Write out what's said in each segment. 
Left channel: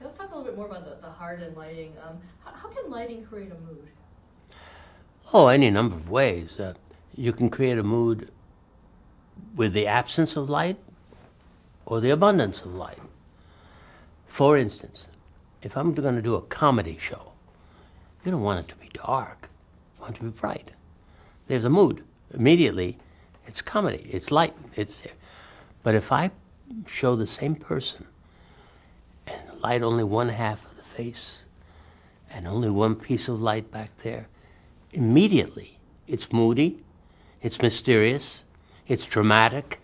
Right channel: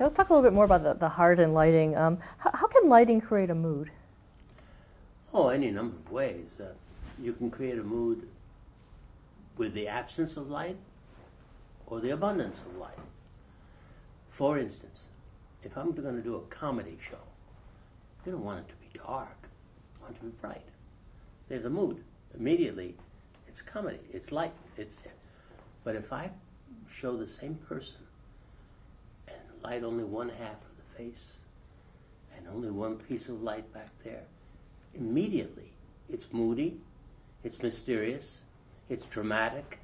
Okay, let's talk a little bit more about the heart and lighting. How can lighting create a mood? Oh, any number of ways. You can create a mood with the absence of light or the abundance of light. For instance, if I'm going to do a comedy show, you don't want it to be dark. You want it to be bright. There's a mood. Immediately, it's comedy. It's light. It's there. But if I show the same person and light only one half of the face and only one piece of light back there, immediately it's moody, it's mysterious, it's dramatic,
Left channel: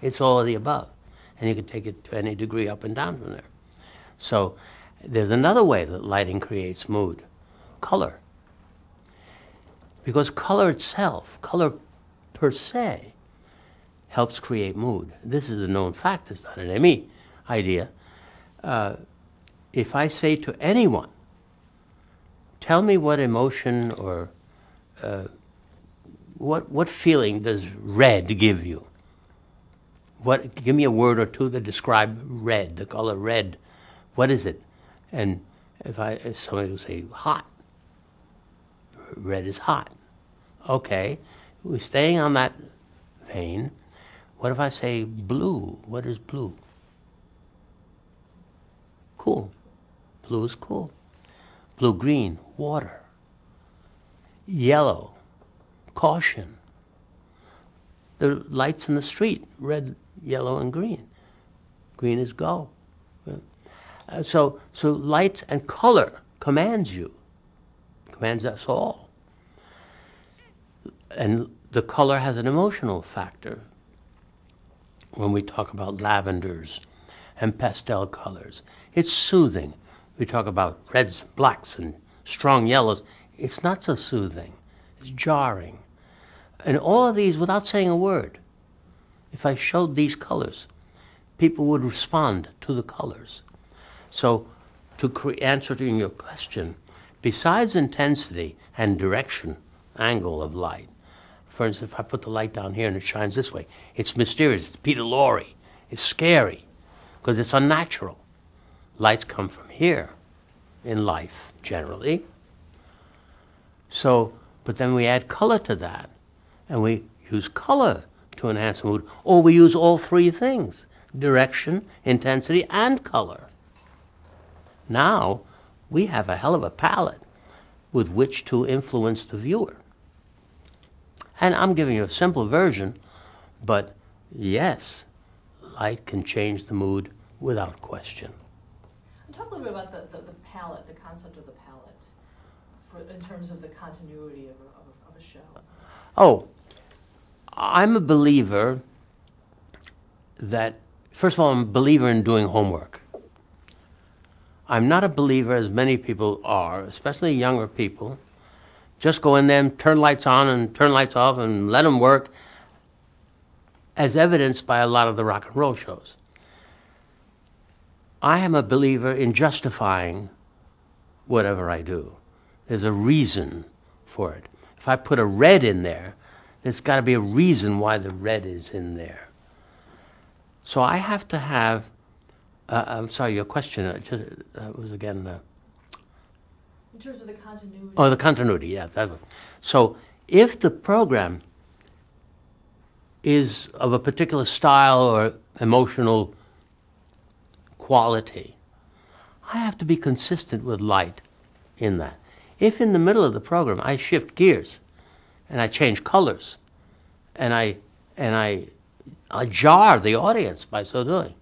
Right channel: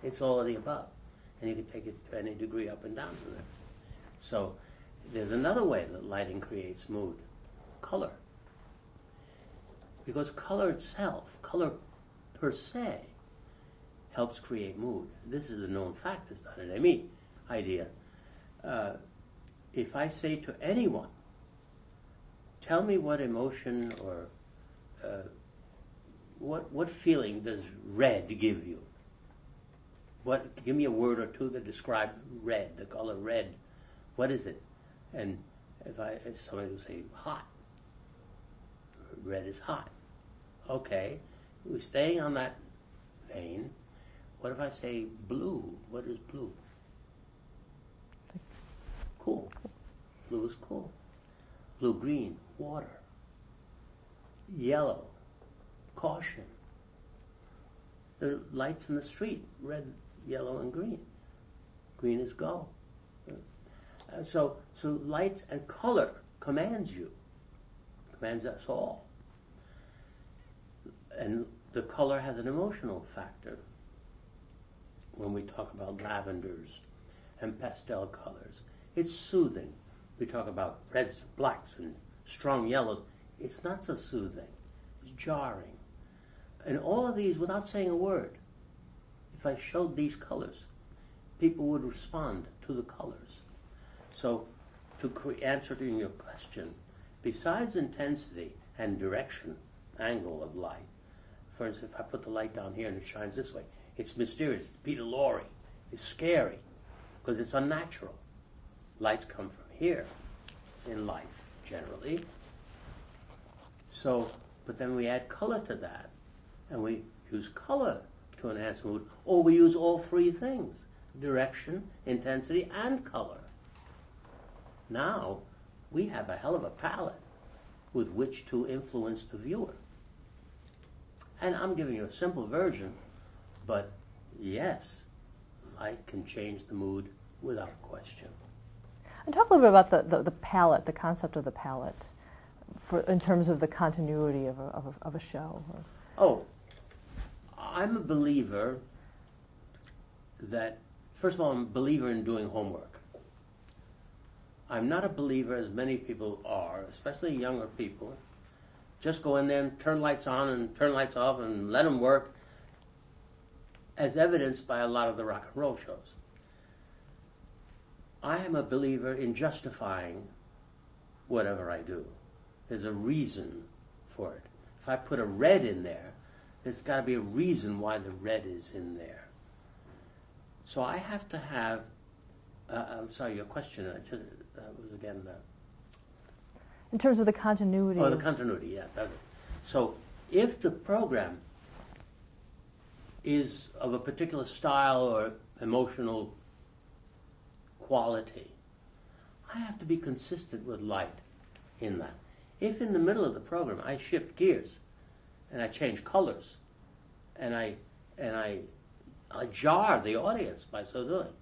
it's all of the above. And you can take it to any degree up and down from there. So there's another way that lighting creates mood: color. Because color itself, color per se, helps create mood. This is a known fact, it's not an ME idea. If I say to anyone, tell me what emotion or what feeling does red give you? Give me a word or two that describe red, the color red. What is it? And if somebody will say hot, red is hot. Okay, we're staying on that vein. What if I say blue? What is blue? Cool. Blue is cool. Blue-green, water. Yellow, caution. The lights in the street, red, yellow, and green. Green is go. So light and color commands you, commands us all. And the color has an emotional factor. When we talk about lavenders and pastel colors, it's soothing. We talk about reds, blacks, and strong yellows. It's not so soothing. It's jarring. And all of these, without saying a word, if I showed these colors, people would respond to the colors. So to answer to your question, besides intensity and direction, angle of light, for instance, if I put the light down here and it shines this way, it's mysterious, it's Peter Lorre, it's scary, because it's unnatural. Lights come from here in life, generally. So, but then we add color to that, and we use color to enhance the mood, or we use all three things: direction, intensity, and color. Now, we have a hell of a palette with which to influence the viewer. And I'm giving you a simple version, but yes, light can change the mood without question. And talk a little bit about the palette, the concept of the palette, in terms of the continuity of a show. Oh, I'm a believer that, first of all, I'm a believer in doing homework. I'm not a believer, as many people are, especially younger people, just go in there and turn lights on and turn lights off and let them work, as evidenced by a lot of the rock and roll shows. I am a believer in justifying whatever I do. There's a reason for it. If I put a red in there, there's got to be a reason why the red is in there. So I have to have, I'm sorry, your question was again... in terms of the continuity. Oh, the continuity, yes. So if the program is of a particular style or emotional quality, I have to be consistent with light in that. If in the middle of the program I shift gears and I change colors and I jar the audience by so doing,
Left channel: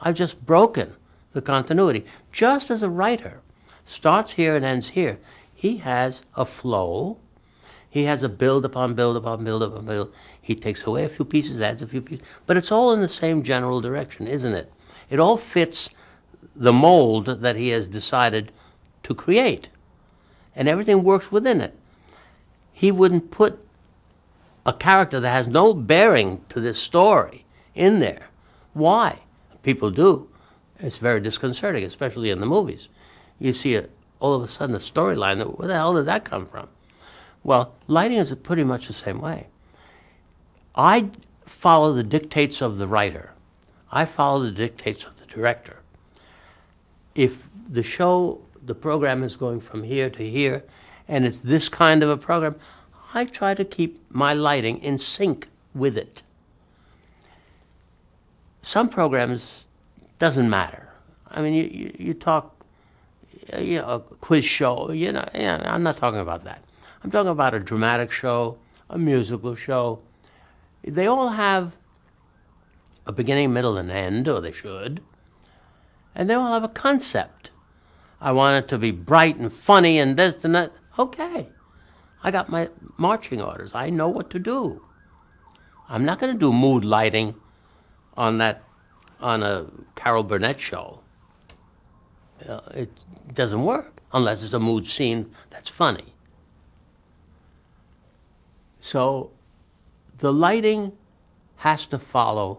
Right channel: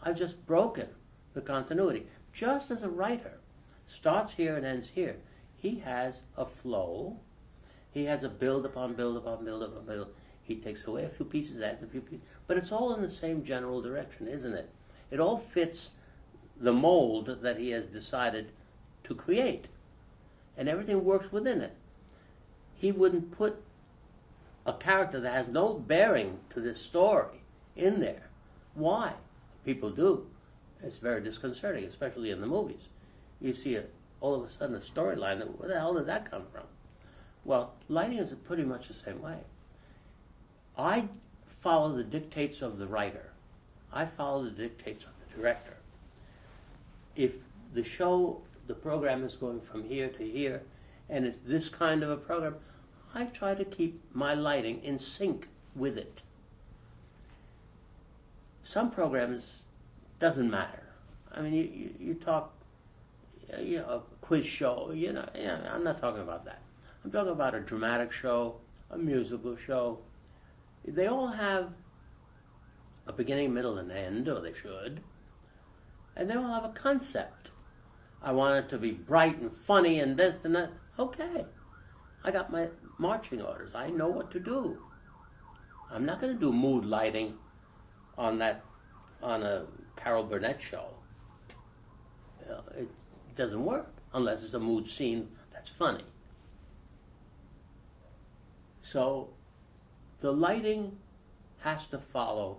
I've just broken the continuity. Just as a writer starts here and ends here, he has a flow, he has a build upon build upon build upon build. He takes away a few pieces, adds a few pieces, but it's all in the same general direction, isn't it? It all fits the mold that he has decided to create, and everything works within it. He wouldn't put a character that has no bearing to this story in there. Why? People do. It's very disconcerting, especially in the movies. You see all of a sudden a storyline, where the hell did that come from? Well, lighting is pretty much the same way. I follow the dictates of the writer. I follow the dictates of the director. if the program is going from here to here, and it's this kind of a program, I try to keep my lighting in sync with it. Some programs doesn't matter. I mean, you talk, a quiz show, I'm not talking about that. I'm talking about a dramatic show, a musical show. They all have a beginning, middle, and end, or they should. And they all have a concept. I want it to be bright and funny and this and that. Okay. I got my marching orders. I know what to do. I'm not going to do mood lighting on a Carol Burnett show. It doesn't work unless it's a mood scene that's funny. So the lighting has to follow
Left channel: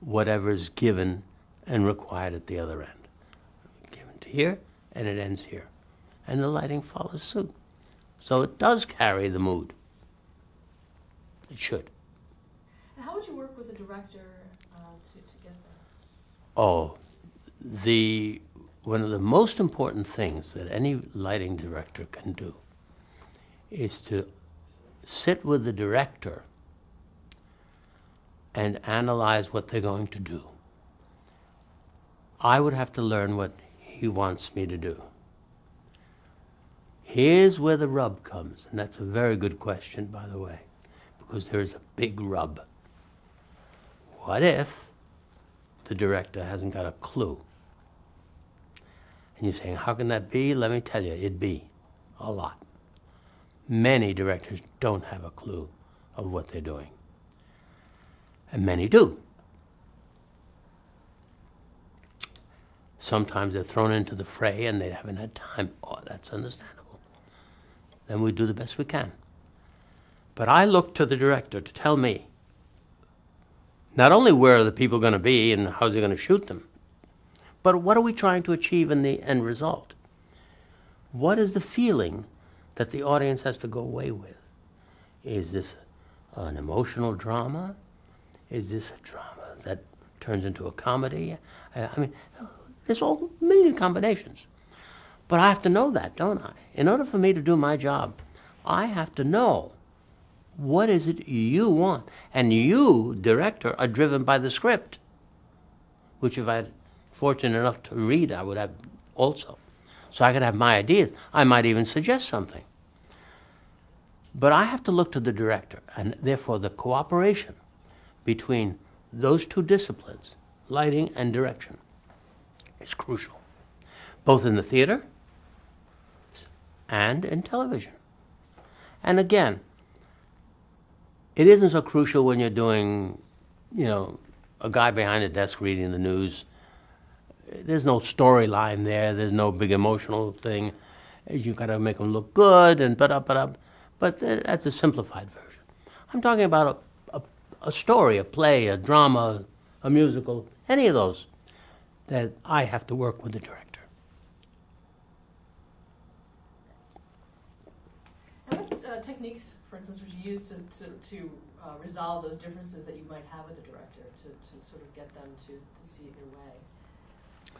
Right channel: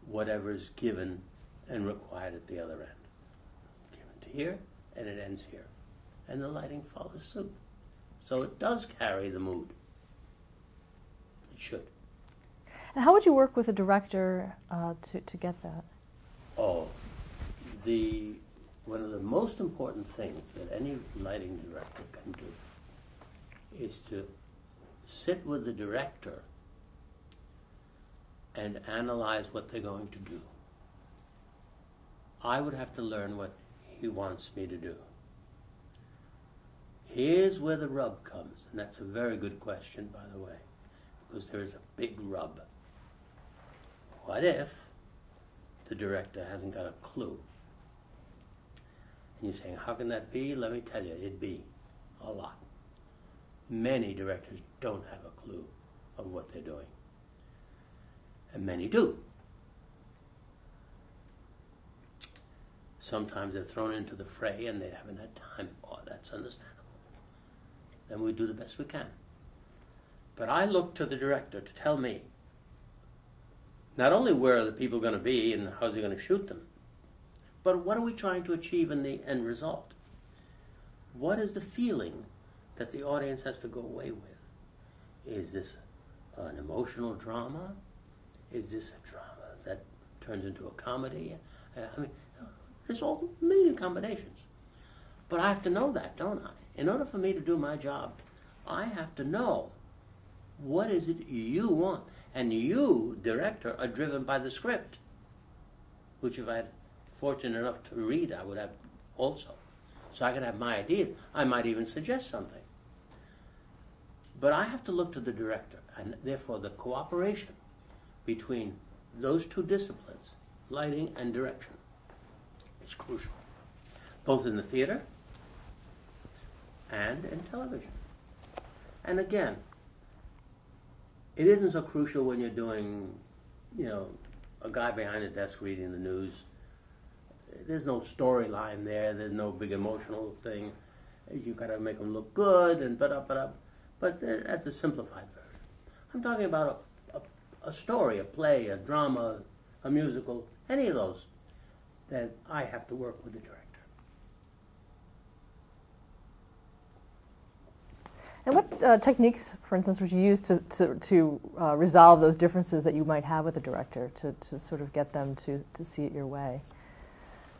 whatever's given and required at the other end. Given to here, and it ends here. And the lighting follows suit. So it does carry the mood. It should. And how would you work with a director to get that? Oh, one of the most important things that any lighting director can do is to sit with the director and analyze what they're going to do. I would have to learn what he wants me to do. Here's where the rub comes, and that's a very good question, by the way, because there is a big rub. What if the director hasn't got a clue? And you're saying, how can that be? Let me tell you, it'd be a lot. Many directors don't have a clue of what they're doing. And many do. Sometimes they're thrown into the fray and they haven't had time. Oh, that's understandable. Then we do the best we can. But I look to the director to tell me not only where are the people going to be and how's he going to shoot them, but what are we trying to achieve in the end result? What is the feeling that the audience has to go away with? Is this an emotional drama? Is this a drama that turns into a comedy? I mean, there's all a million combinations. But I have to know that, don't I? In order for me to do my job, I have to know what is it you want. And you, director, are driven by the script, which if I had fortunate enough to read, I would have also. So I could have my ideas. I might even suggest something. But I have to look to the director, and therefore the cooperation between those two disciplines, lighting and direction, is crucial, both in the theater and in television. And again, it isn't so crucial when you're doing, a guy behind a desk reading the news. There's no storyline there. There's no big emotional thing. You got to make them look good and but that's a simplified version. I'm talking about a story, a play, a drama, a musical, any of those that I have to work with the director. And what techniques, for instance, would you use to resolve those differences that you might have with a director, to sort of get them to see it your way?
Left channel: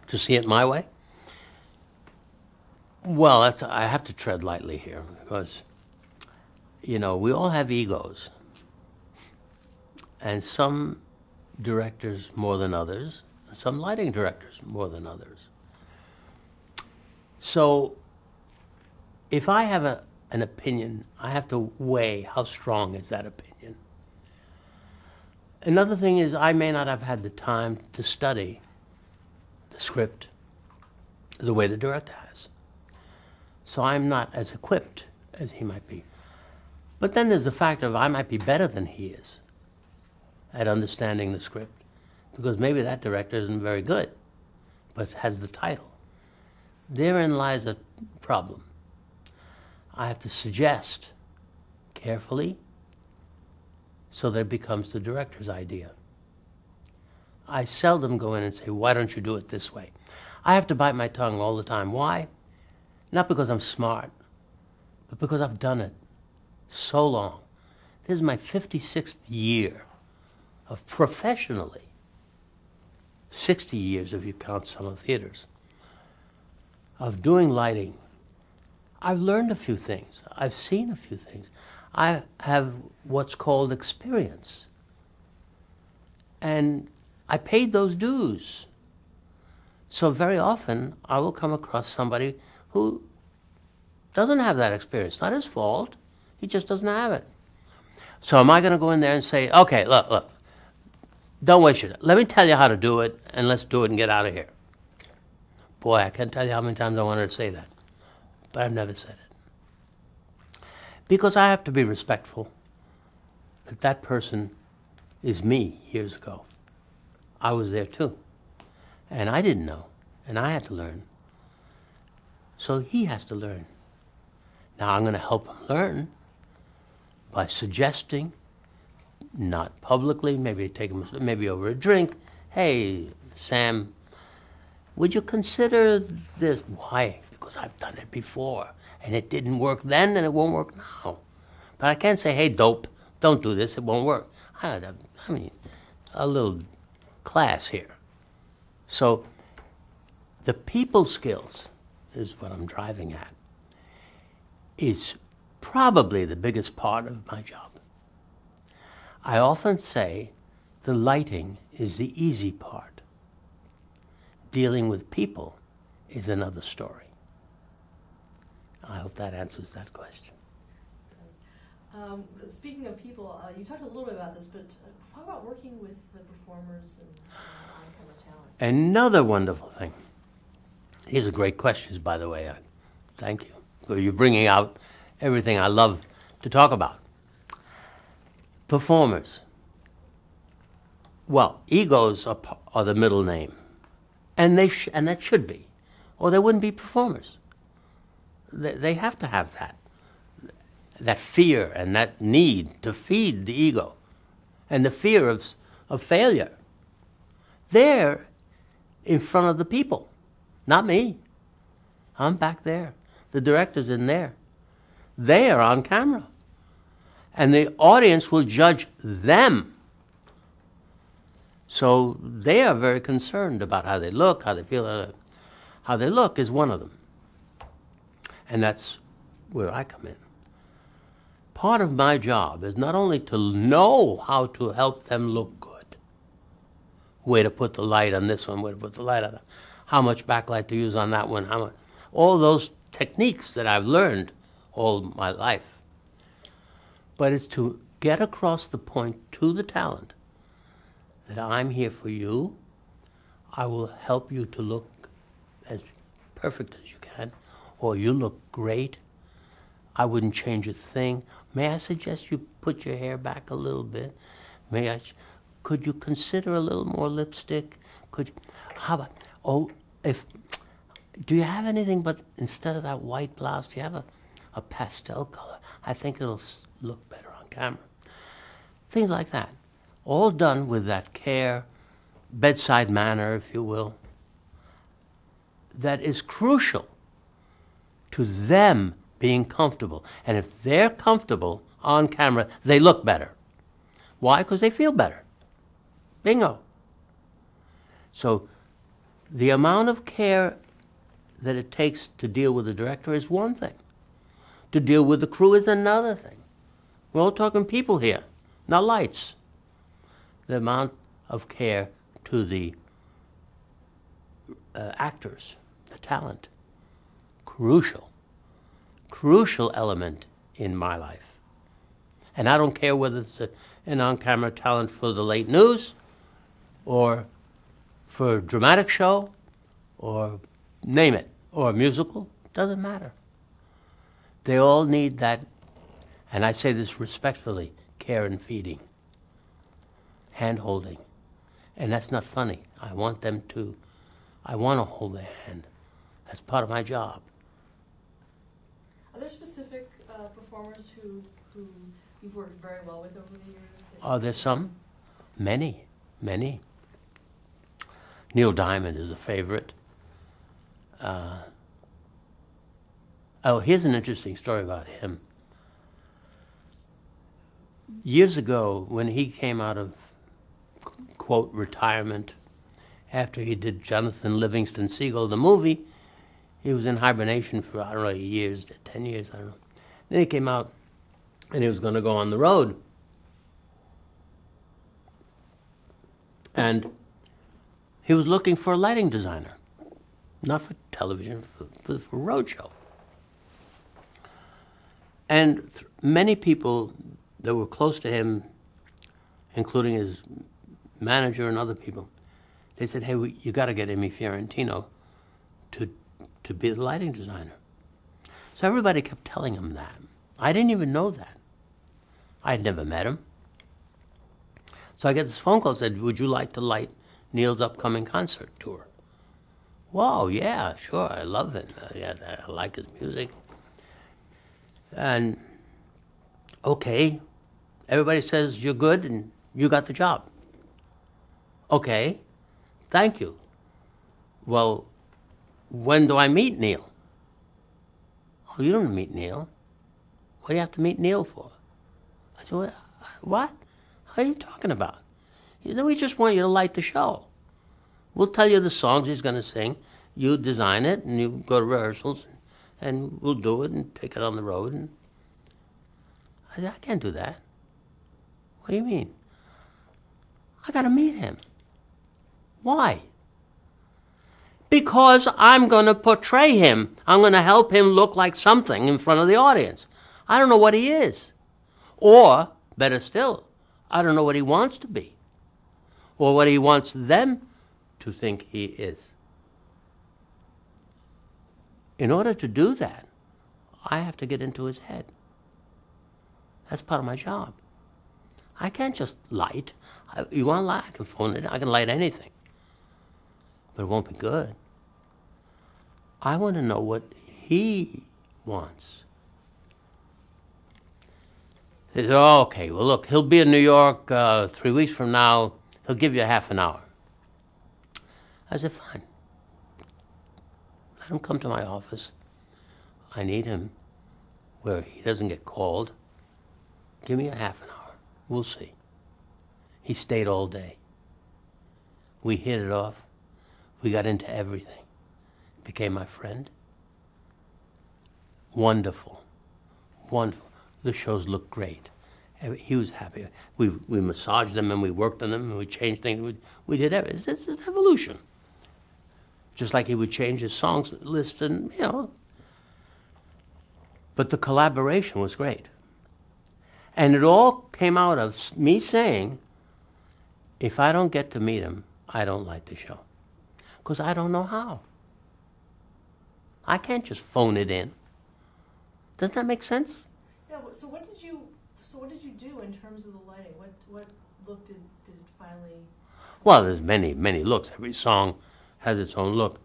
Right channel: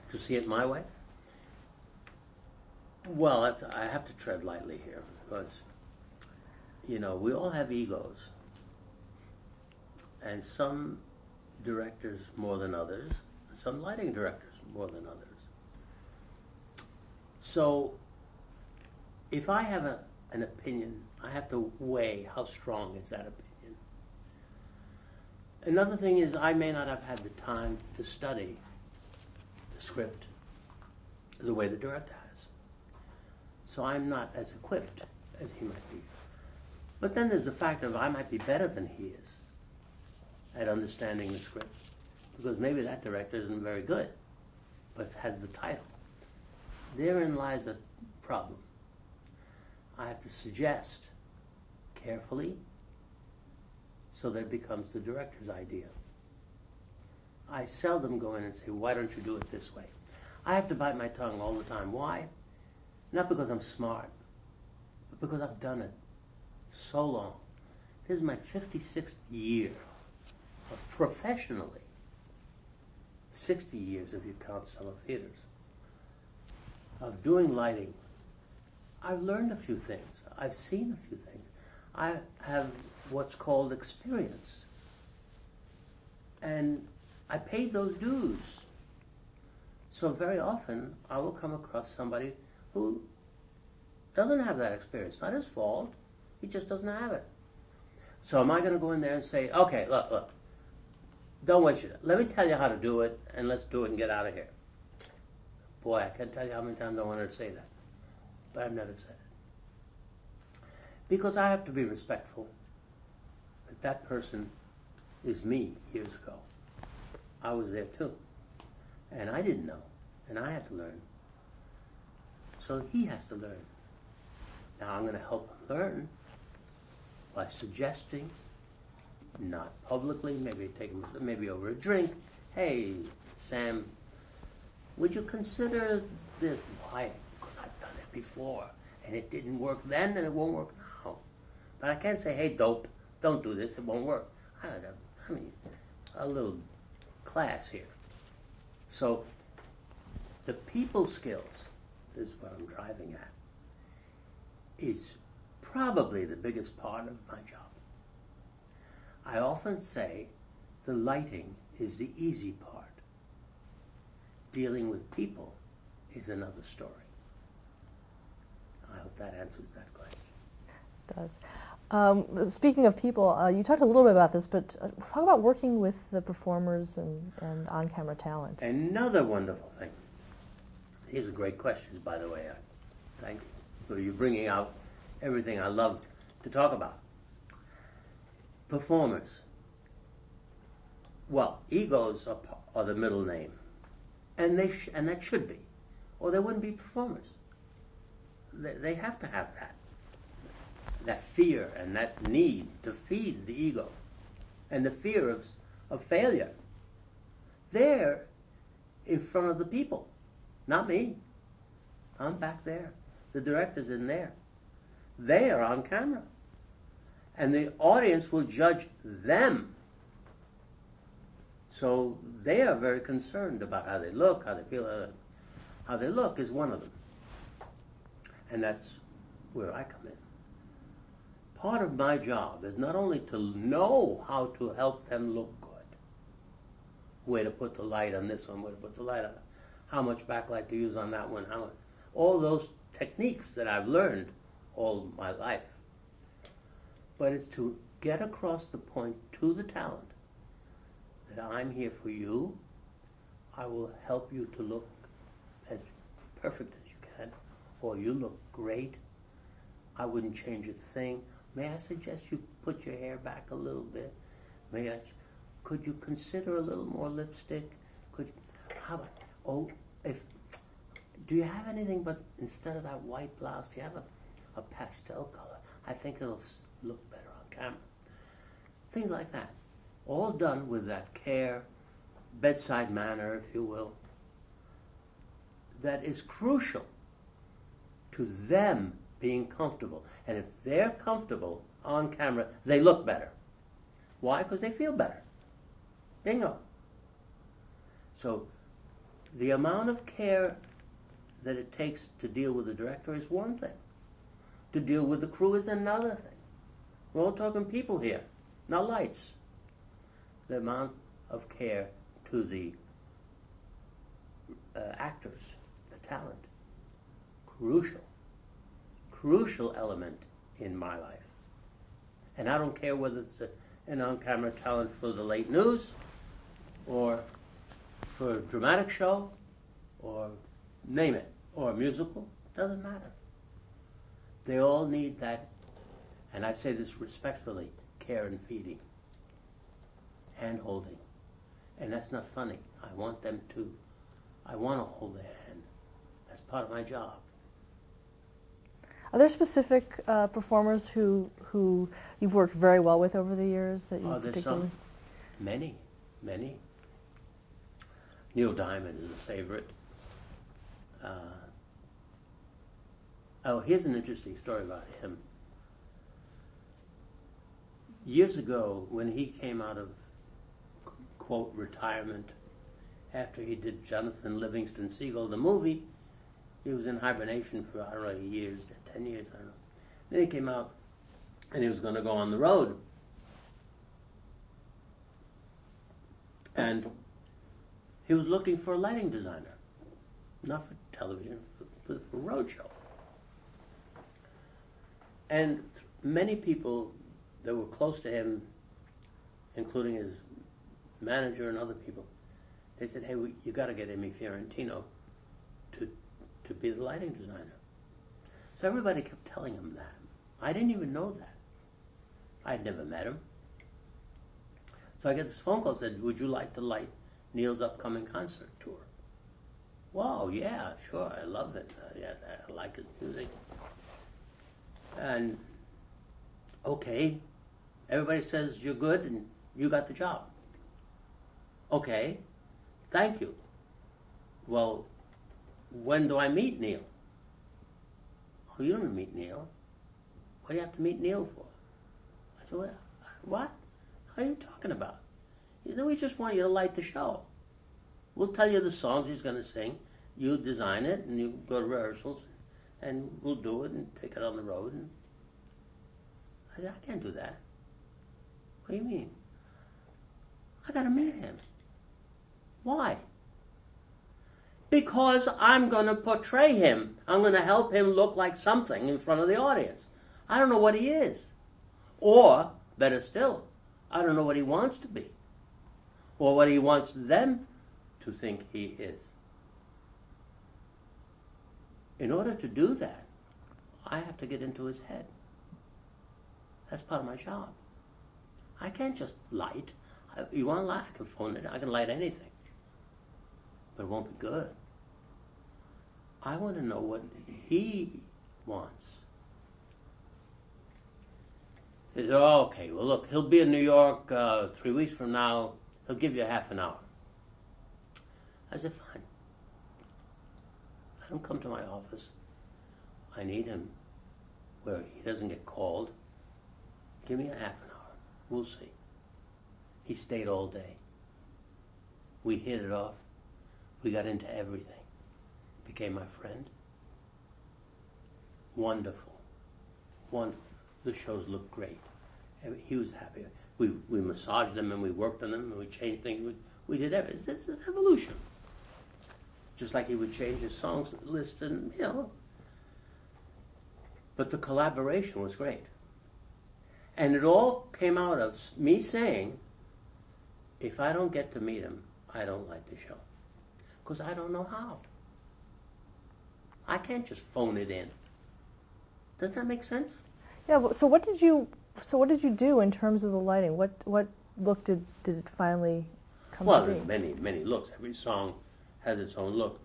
To see it my way? Well, I have to tread lightly here because, we all have egos. And some directors more than others, some lighting directors more than others. So if I have an opinion, I have to weigh how strong is that opinion. Another thing is I may not have had the time to study the script the way the director has. So I'm not as equipped as he might be. But then there's the fact of I might be better than he is at understanding the script, because maybe that director isn't very good, but has the title. Therein lies a problem. I have to suggest carefully so that it becomes the director's idea. I seldom go in and say, why don't you do it this way? I have to bite my tongue all the time. Why? Not because I'm smart, but because I've done it so long. This is my 56th year of professionally, 60 years if you count some of the theaters, of doing lighting, I've learned a few things. I've seen a few things. I have what's called experience. And I paid those dues. So very often I will come across somebody who doesn't have that experience. Not his fault. He just doesn't have it. So am I going to go in there and say, okay, look, don't waste your time. Let me tell you how to do it, and let's do it and get out of here. Boy, I can't tell you how many times I wanted to say that, but I've never said it. Because I have to be respectful that that person is me years ago. I was there too, and I didn't know, and I had to learn. So he has to learn. Now I'm going to help him learn by suggesting, not publicly, maybe take him maybe over a drink. Hey, Sam, would you consider this? Why? Because I've done it before, and it didn't work then, and it won't work now. But I can't say, hey, dope, don't do this, it won't work. I mean, a little class here. So the people skills is what I'm driving at, is probably the biggest part of my job. I often say the lighting is the easy part. Dealing with people is another story. I hope that answers that question. It does. Speaking of people, you talked a little bit about this, but talk about working with the performers and on-camera talent. Another wonderful thing. These are great questions, by the way. Thank you. So you're bringing out everything I love to talk about. Performers. Well, egos are the middle name, and that should be, or they wouldn't be performers. They have to have that fear and that need to feed the ego, and the fear of failure. They're in front of the people, not me. I'm back there. The director's in there. They are on camera. And the audience will judge them. So they are very concerned about how they look, how they feel. How they look is one of them. And that's where I come in. Part of my job is not only to know how to help them look good, where to put the light on this one, where to put the light on that, how much backlight to use on that one, how much, all those techniques that I've learned all my life. But it's to get across the point to the talent that I'm here for you. I will help you to look as perfect as you can, or you look great. I wouldn't change a thing. May I suggest you put your hair back a little bit? Could you consider a little more lipstick? How about, do you have anything but instead of that white blouse, do you have a pastel color? I think it'll look better on camera. Things like that. All done with that care, bedside manner, if you will, that is crucial to them being comfortable. And if they're comfortable on camera, they look better. Why? Because they feel better. Bingo. So the amount of care that it takes to deal with the director is one thing. To deal with the crew is another thing. We're all talking people here, not lights. The amount of care to the actors, the talent, crucial element in my life. And I don't care whether it's an on-camera talent for the late news or for a dramatic show or name it, or a musical, doesn't matter. They all need that, and I say this respectfully, care and feeding, hand-holding. And that's not funny. I want them to, I want to hold their hand. That's part of my job. Are there specific performers who you've worked very well with over the years? Are there some? Many. Neil Diamond is a favorite. Here's an interesting story about him. Years ago, when he came out of, quote, retirement, after he did Jonathan Livingston Seagull, the movie, He was in hibernation for, I don't know, years, 10 years, I don't know. Then he came out and he was going to go on the road. And he was looking for a lighting designer, not for television, for roadshow. And many people that were close to him, including his manager and other people, they said, hey, you got to get Imero Fiorentino to be the lighting designer. So everybody kept telling him that. I didn't even know that. I had never met him. So I get this phone call that said, would you like to light Neil's upcoming concert tour? Whoa, yeah, sure, I love it. Yeah, I like his music. And okay, everybody says you're good and you got the job. Okay, thank you. Well, when do I meet Neil? Oh, you don't meet Neil. What do you have to meet Neil for? I said, what? What are you talking about? He said, we just want you to light the show. We'll tell you the songs he's going to sing. You design it, and you go to rehearsals, and we'll do it and take it on the road. And I said, I can't do that. What do you mean? I got to meet him. Why? Because I'm going to portray him. I'm going to help him look like something in front of the audience. I don't know what he is. Or, better still, I don't know what he wants to be. Or what he wants them to think he is. In order to do that, I have to get into his head. That's part of my job. I can't just light. You want to light? I can phone it. I can light anything. But it won't be good. I want to know what he wants. He said, oh, okay, well, look, he'll be in New York 3 weeks from now. He'll give you a half an hour. I said, fine. Let him come to my office. I need him where he doesn't get called. Give me a half an hour. We'll see. He stayed all day. We hit it off. We got into everything. Became my friend. Wonderful. Wonderful. The shows looked great. He was happy. We massaged them and we worked on them and we changed things. We did everything. It's an evolution. Just like he would change his songs list and, you know. But the collaboration was great. And it all came out of me saying, if I don't get to meet him, I don't like the show. Because I don't know how. I can't just phone it in. Doesn't that make sense? Yeah. So what did you do in terms of the lighting? What look did it finally come? Well, to? there's many looks. Every song has its own look.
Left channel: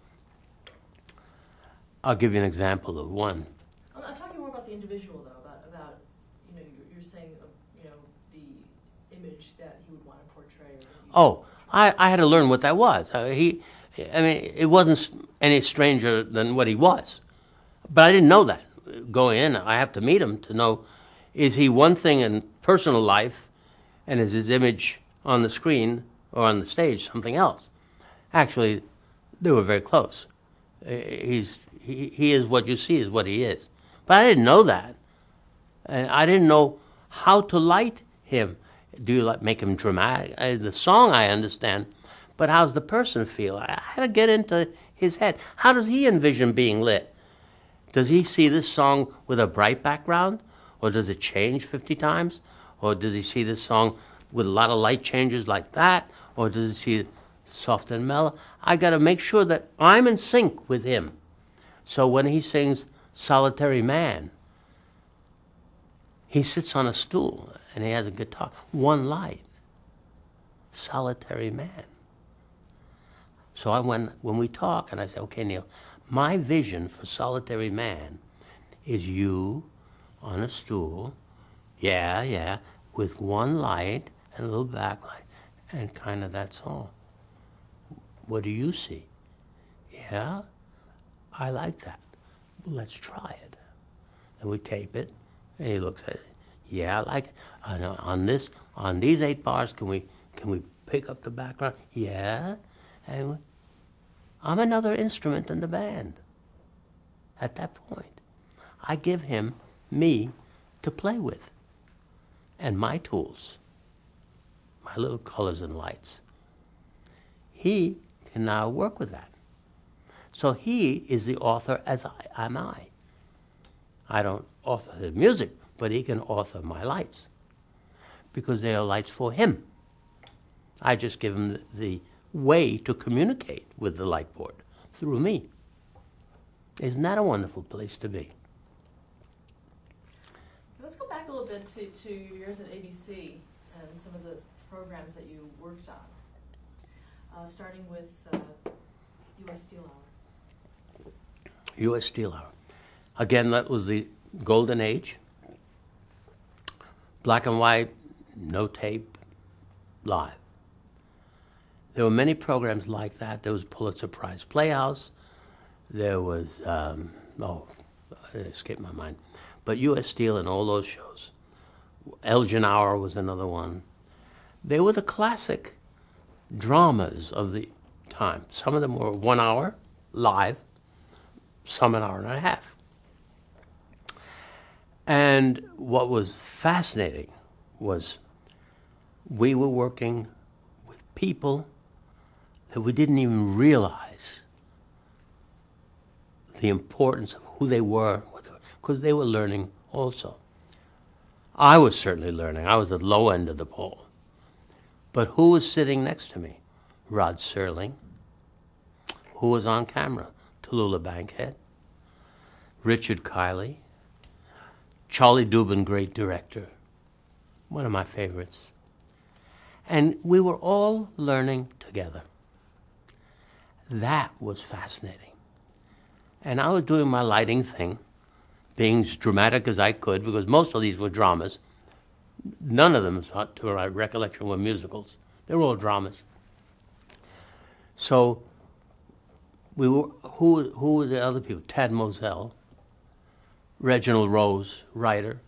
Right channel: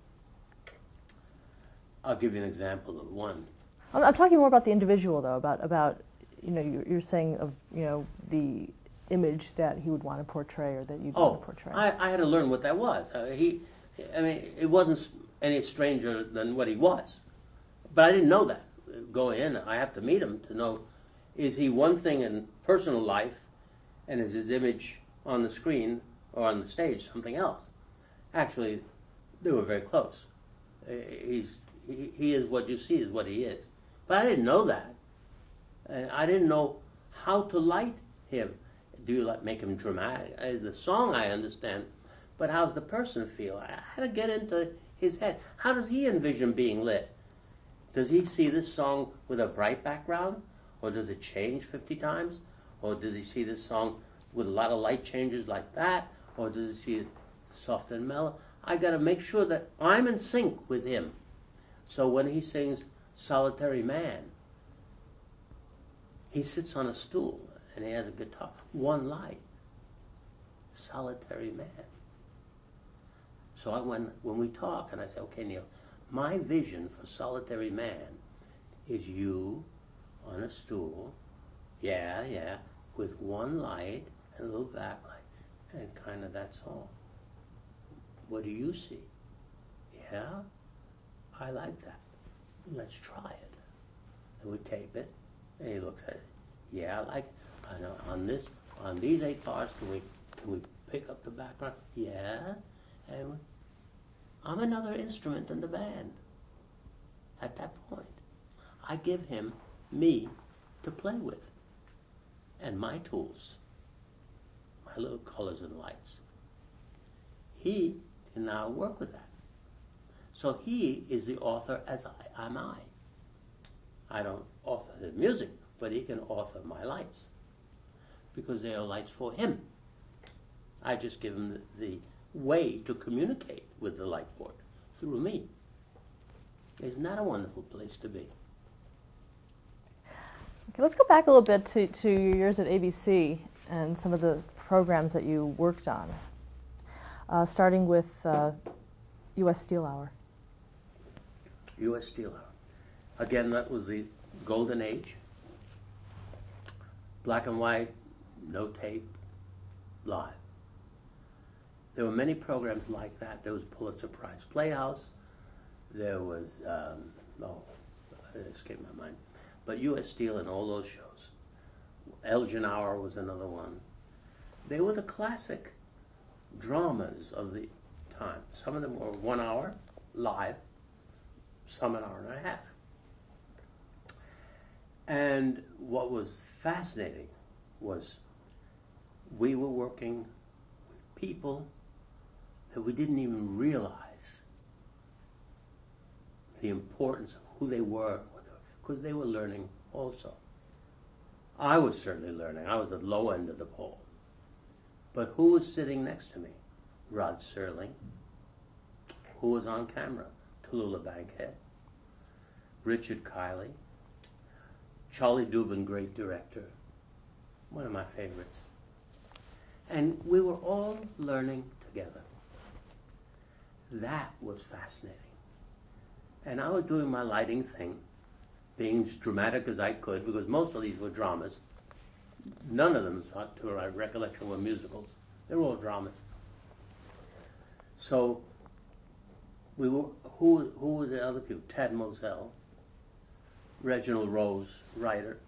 I'll give you an example of one. I'm talking more about the individual, though. About you know, you're saying of, you know, the image that he would want to portray or that you want to portray. I had to learn what that was. I mean, it wasn't any stranger than what he was. But I didn't know that. Going in, I have to meet him to know, is he one thing in personal life and is his image on the screen or on the stage something else? Actually, they were very close. He is what you see is what he is. But I didn't know that. And I didn't know how to light him. Do you make him dramatic? The song I understand, but how's the person feel? I had to get into his head. How does he envision being lit? Does he see this song with a bright background? Or does it change 50 times? Or does he see this song with a lot of light changes like that? Or does he see it soft and mellow? I got to make sure that I'm in sync with him. So when he sings Solitary Man, he sits on a stool and he has a guitar. One light. Solitary Man. So when we talk and I say, okay, Neil, my vision for Solitary Man is you on a stool, yeah, with one light and a little backlight, and kind of that's all. What do you see? Yeah, I like that. Well, let's try it. And we tape it, and he looks at it. Yeah, I like it. On these 8 bars, can we pick up the background? Yeah, and I'm another instrument in the band. at that point. I give him me to play with and my tools, my little colors and lights. He can now work with that. So he is the author as am I. I don't author his music, but he can author my lights because they are lights for him. I just give him the way to communicate with the light board through me. Isn't that a wonderful place to be? Okay, let's go back a little bit to your years at ABC and some of the programs that you worked on, starting with U.S. Steel Hour. U.S. Steel Hour. Again, that was the golden age. Black and white, no tape, live. There were many programs like that. There was Pulitzer Prize Playhouse. There was, it escaped my mind. But U.S. Steel and all those shows. Elgin Hour was another one. They were the classic dramas of the time. Some of them were 1 hour, live, some an hour and a half. And what was fascinating was we were working with people that we didn't even realize the importance of who they were, because they were learning also. I was certainly learning. I was at the low end of the pole. But who was sitting next to me? Rod Serling. Who was on camera? Tallulah Bankhead. Richard Kiley. Charlie Dubin, great director. One of my favorites. And we were all learning together. That was fascinating. And I was doing my lighting thing, being as dramatic as I could, because most of these were dramas. None of them, to my recollection, were musicals. They were all dramas. So we were, who were the other people? Tad Moselle, Reginald Rose, writer,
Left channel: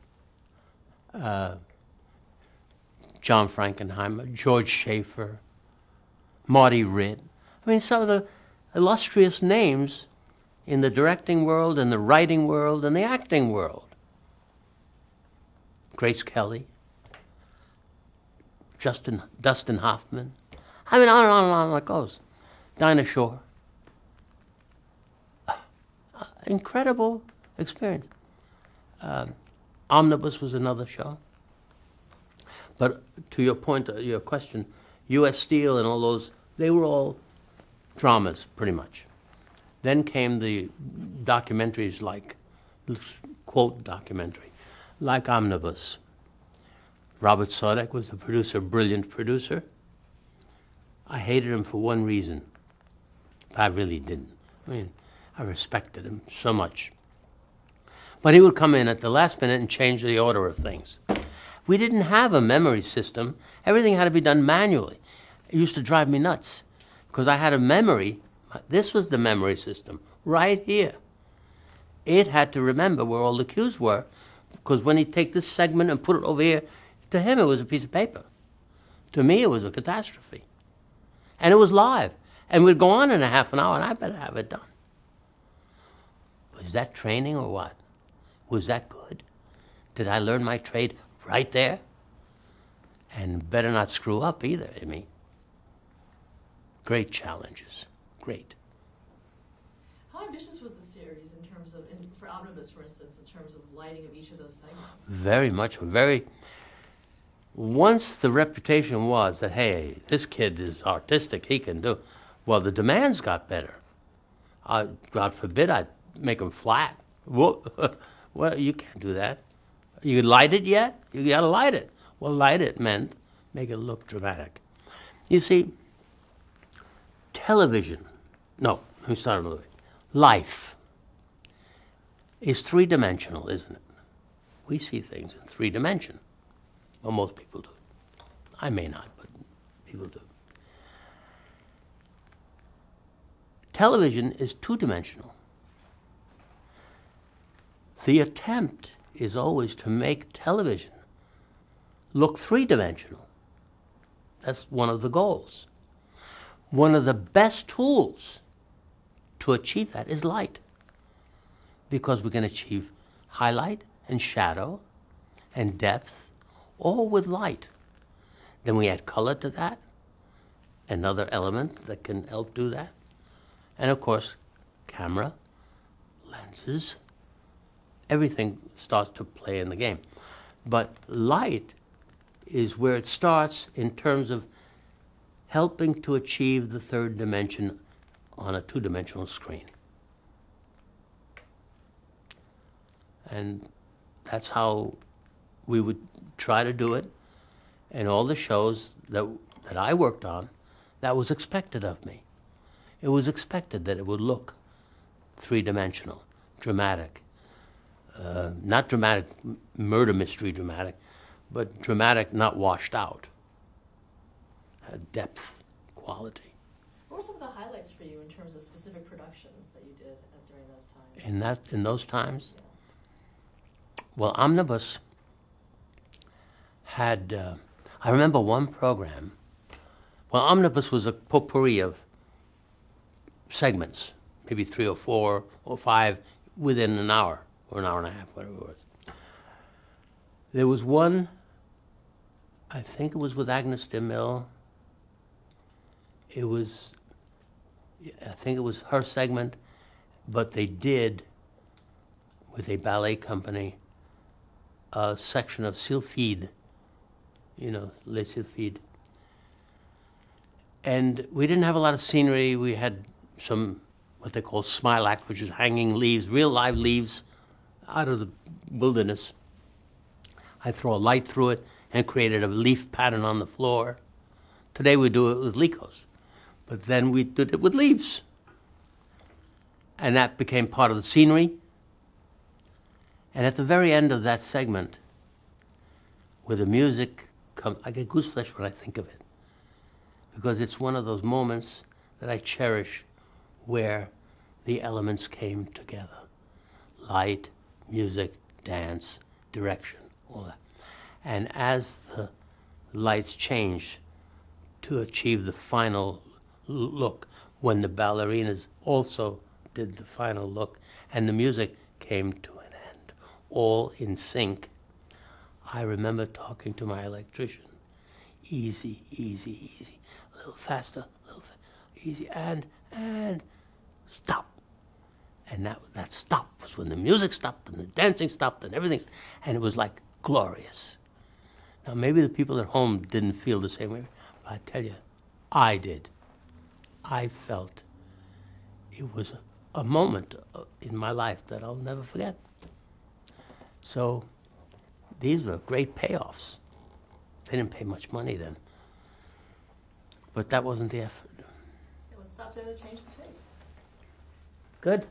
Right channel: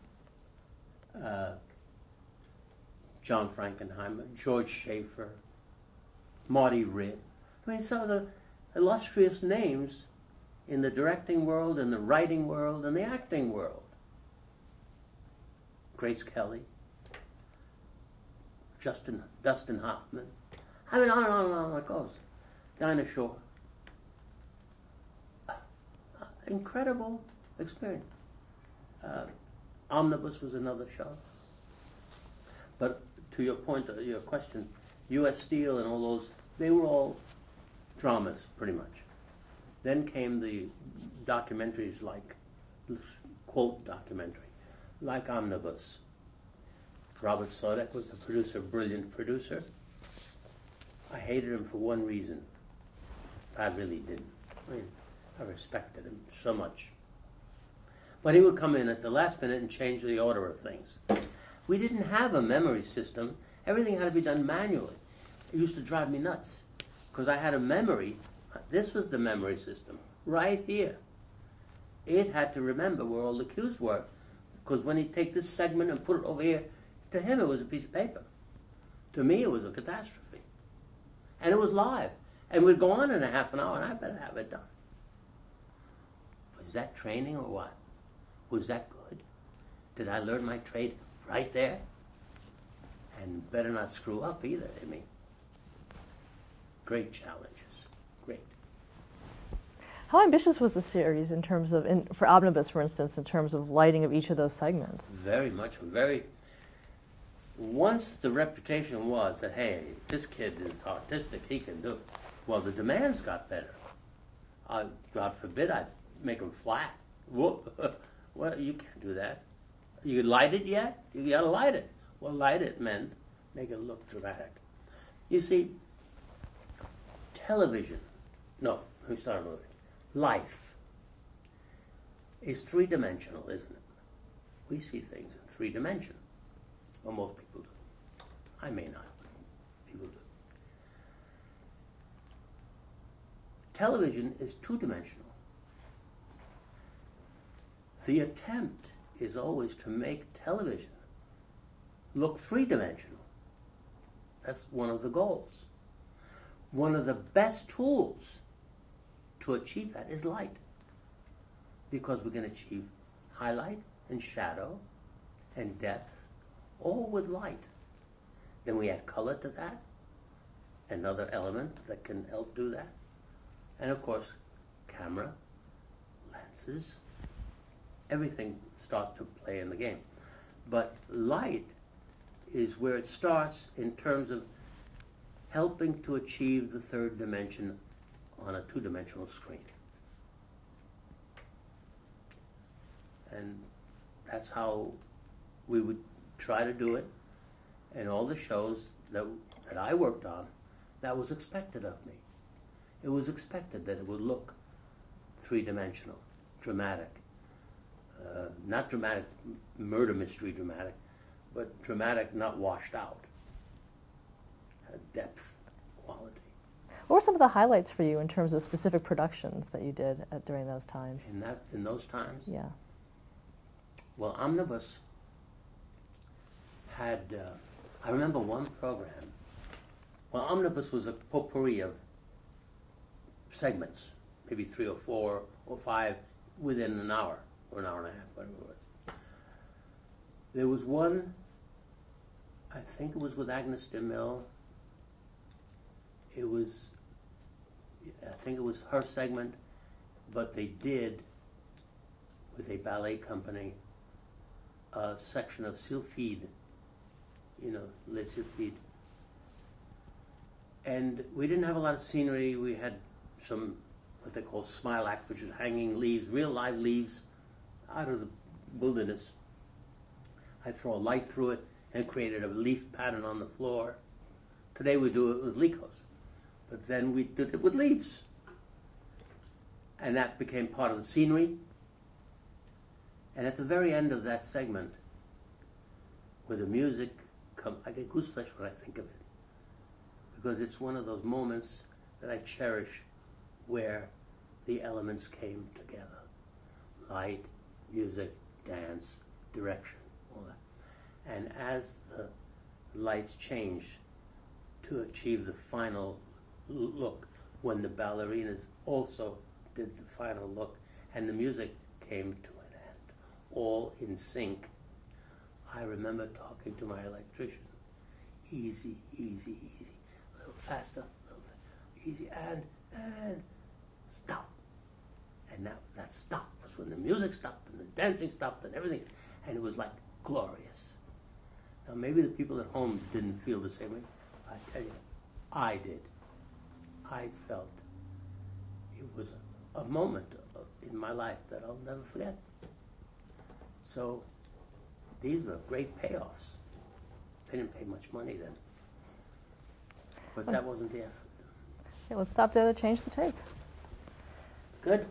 John Frankenheimer, George Schaefer, Marty Ritt. I mean, some of the illustrious names in the directing world and the writing world and the acting world. Grace Kelly, Dustin Hoffman. I mean, on and on and on it goes. Dinah Shore. Incredible experience. Omnibus was another show. But to your point, your question, U.S. Steel and all those, they were all dramas, pretty much. Then came the documentaries like, quote documentary, like Omnibus. Robert Sodek was the producer, brilliant producer. I hated him for one reason. I really didn't. I mean, I respected him so much. But he would come in at the last minute and change the order of things. We didn't have a memory system. Everything had to be done manually. It used to drive me nuts because I had a memory. This was the memory system right here. It had to remember where all the cues were, because when he'd take this segment and put it over here, to him it was a piece of paper. To me it was a catastrophe. And it was live. And we'd go on in a half an hour and I better have it done. Was that training or what? Was that good? Did I learn my trade right there? And better not screw up either, I mean. Great challenges, great. How ambitious was the series in terms of, for Omnibus, for instance, in terms of lighting of each of those segments? Very much, very. Once the reputation was that, hey, this kid is artistic, he can do, well, the demands got better. God forbid I'd make them flat. Well, you can't do that. You light it yet? You gotta light it. Well, light it meant make it look dramatic. You see, television, no, let me start another way. Life is three-dimensional, isn't it? We see things in 3 dimensions. Well, most people do. I may not, but people do. Television is 2-dimensional. The attempt is always to make television look 3-dimensional. That's one of the goals. One of the best tools to achieve that is light. because we can achieve highlight and shadow and depth, all with light. Then we add color to that, another element that can help do that. And of course, camera, lenses, everything starts to play in the game. But light is where it starts in terms of helping to achieve the third dimension on a two-dimensional screen. And that's how we would try to do it. In all the shows that I worked on, that was expected of me. It was expected that it would look three-dimensional, dramatic. Not dramatic, murder mystery dramatic, but dramatic, not washed out. Depth, quality. What were some of the highlights for you in terms of specific productions that you did during those times? In those times? Yeah. Well, Omnibus had, I remember one program. Well, Omnibus was a potpourri of segments, maybe 3 or 4 or 5 within an hour or an hour and a half, whatever it was. There was one, I think it was with Agnes DeMille. It was, I think it was her segment, but they did, with a ballet company, a section of Sylphide, you know, Les Sylphides. And we didn't have a lot of scenery. We had some, what they call smile act, which is hanging leaves, real live leaves out of the wilderness. I throw a light through it and created a leaf pattern on the floor. Today we do it with Lycos, but then we did it with leaves. And that became part of the scenery. And at the very end of that segment, where the music comes, I get gooseflesh when I think of it, because it's one of those moments that I cherish where the elements came together. Light, music, dance, direction, all that. And as the lights changed to achieve the final look, when the ballerinas also did the final look, and the music came to an end, all in sync, I remember talking to my electrician. Easy, easy, easy. A little faster, a little easy, and stop. And that stop was when the music stopped and the dancing stopped and everything, and it was like glorious. Now maybe the people at home didn't feel the same way, but I tell you, I did. I felt it was a moment in my life that I'll never forget. So these were great payoffs. They didn't pay much money then, but that wasn't the effort. Okay, let's stop there to change the tape. Good.